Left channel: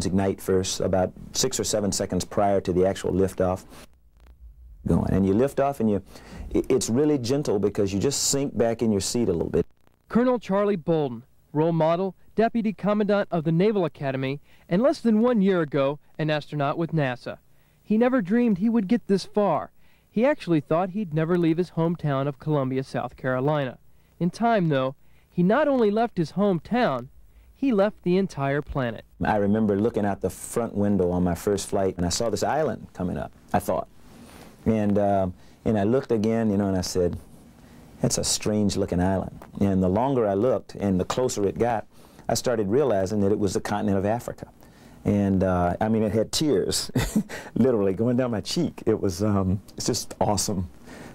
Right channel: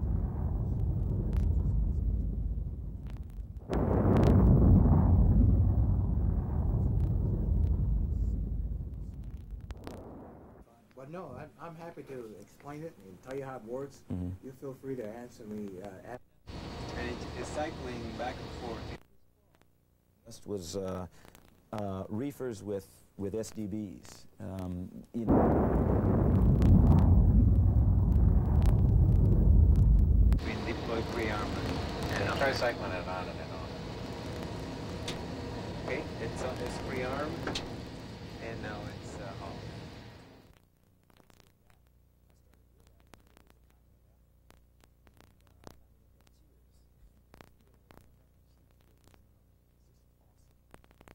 engines ignite first, about 6 or 7 seconds prior to the actual liftoff. And you lift off, and it's really gentle because you just sink back in your seat a little bit. Colonel Charlie Bolden, role model, Deputy Commandant of the Naval Academy, and less than 1 year ago, an astronaut with NASA. He never dreamed he would get this far. He actually thought he'd never leave his hometown of Columbia, South Carolina. In time, though, he not only left his hometown, he left the entire planet. I remember looking out the front window on my first flight, and I saw this island coming up, I thought. And I looked again, and I said, that's a strange-looking island. And the longer I looked, and the closer it got, I started realizing that it was the continent of Africa. And I mean, it had tears, literally, going down my cheek. It was, it's just awesome.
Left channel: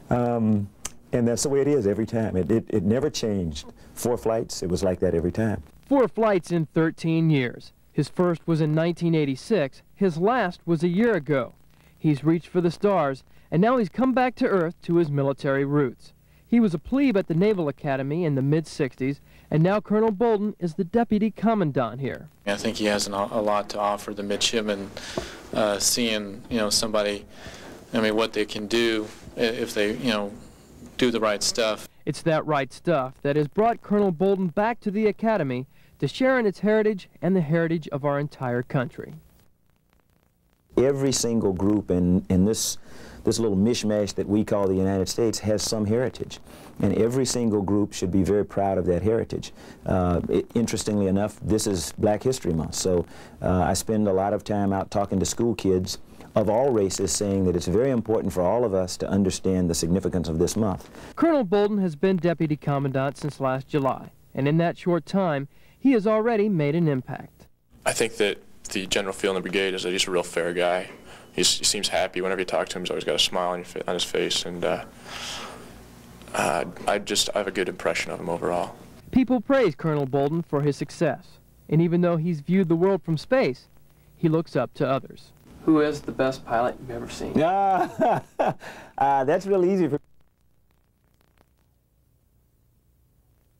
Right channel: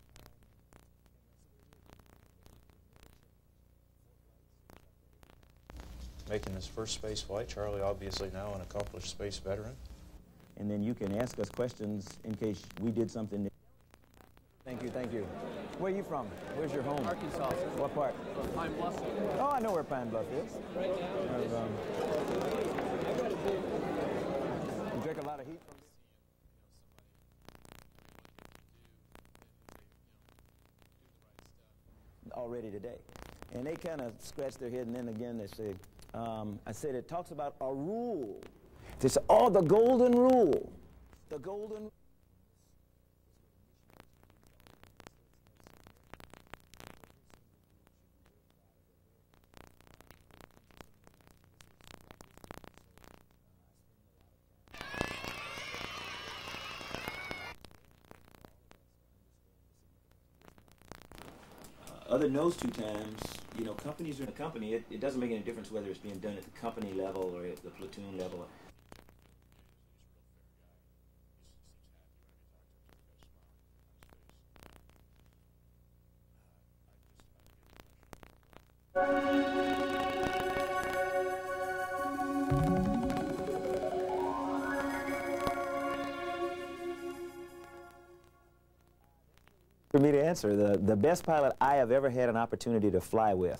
And that's the way it is every time. It never changed. 4 flights, it was like that every time. 4 flights in 13 years. His first was in 1986. His last was a year ago. He's reached for the stars, and now he's come back to Earth to his military roots. He was a plebe at the Naval Academy in the mid-60s, and now Colonel Bolden is the Deputy Commandant here. I think he has a lot to offer the midshipmen, seeing, somebody, what they can do if they, do the right stuff. It's that right stuff that has brought Colonel Bolden back to the Academy to share in its heritage and the heritage of our entire country. It's all the golden rule. Every single group in this little mishmash that we call the United States has some heritage. And every single group should be very proud of that heritage. Interestingly enough, this is Black History Month, so I spend a lot of time out talking to school kids of all races, saying that it's very important for all of us to understand the significance of this month. Colonel Bolden has been Deputy Commandant since last July, and in that short time, he has already made an impact. I think that the general feel in the brigade is that he's a real fair guy. He seems happy. Whenever you talk to him, he's always got a smile on his face, and I have a good impression of him overall. People praise Colonel Bolden for his success, and even though he's viewed the world from space, he looks up to others. Who is the best pilot you've ever seen? That's real easy for me to answer. The best pilot I have ever had an opportunity to fly with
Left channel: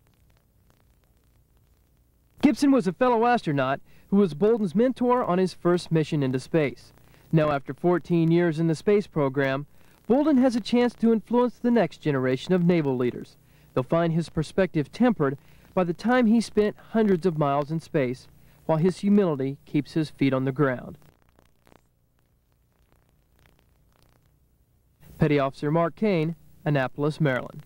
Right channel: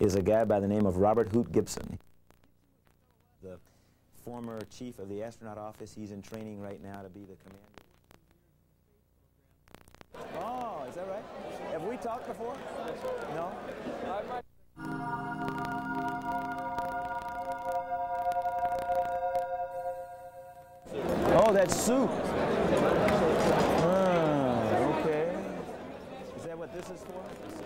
is a guy by the name of Robert Hoot Gibson. Gibson was a fellow astronaut who was Bolden's mentor on his first mission into space. Now, after 14 years in the space program, Bolden has a chance to influence the next generation of naval leaders. They'll find his perspective tempered by the time he spent hundreds of miles in space, while his humility keeps his feet on the ground. Oh, that's soup. Okay. Petty Officer Mark Kane, Annapolis, Maryland.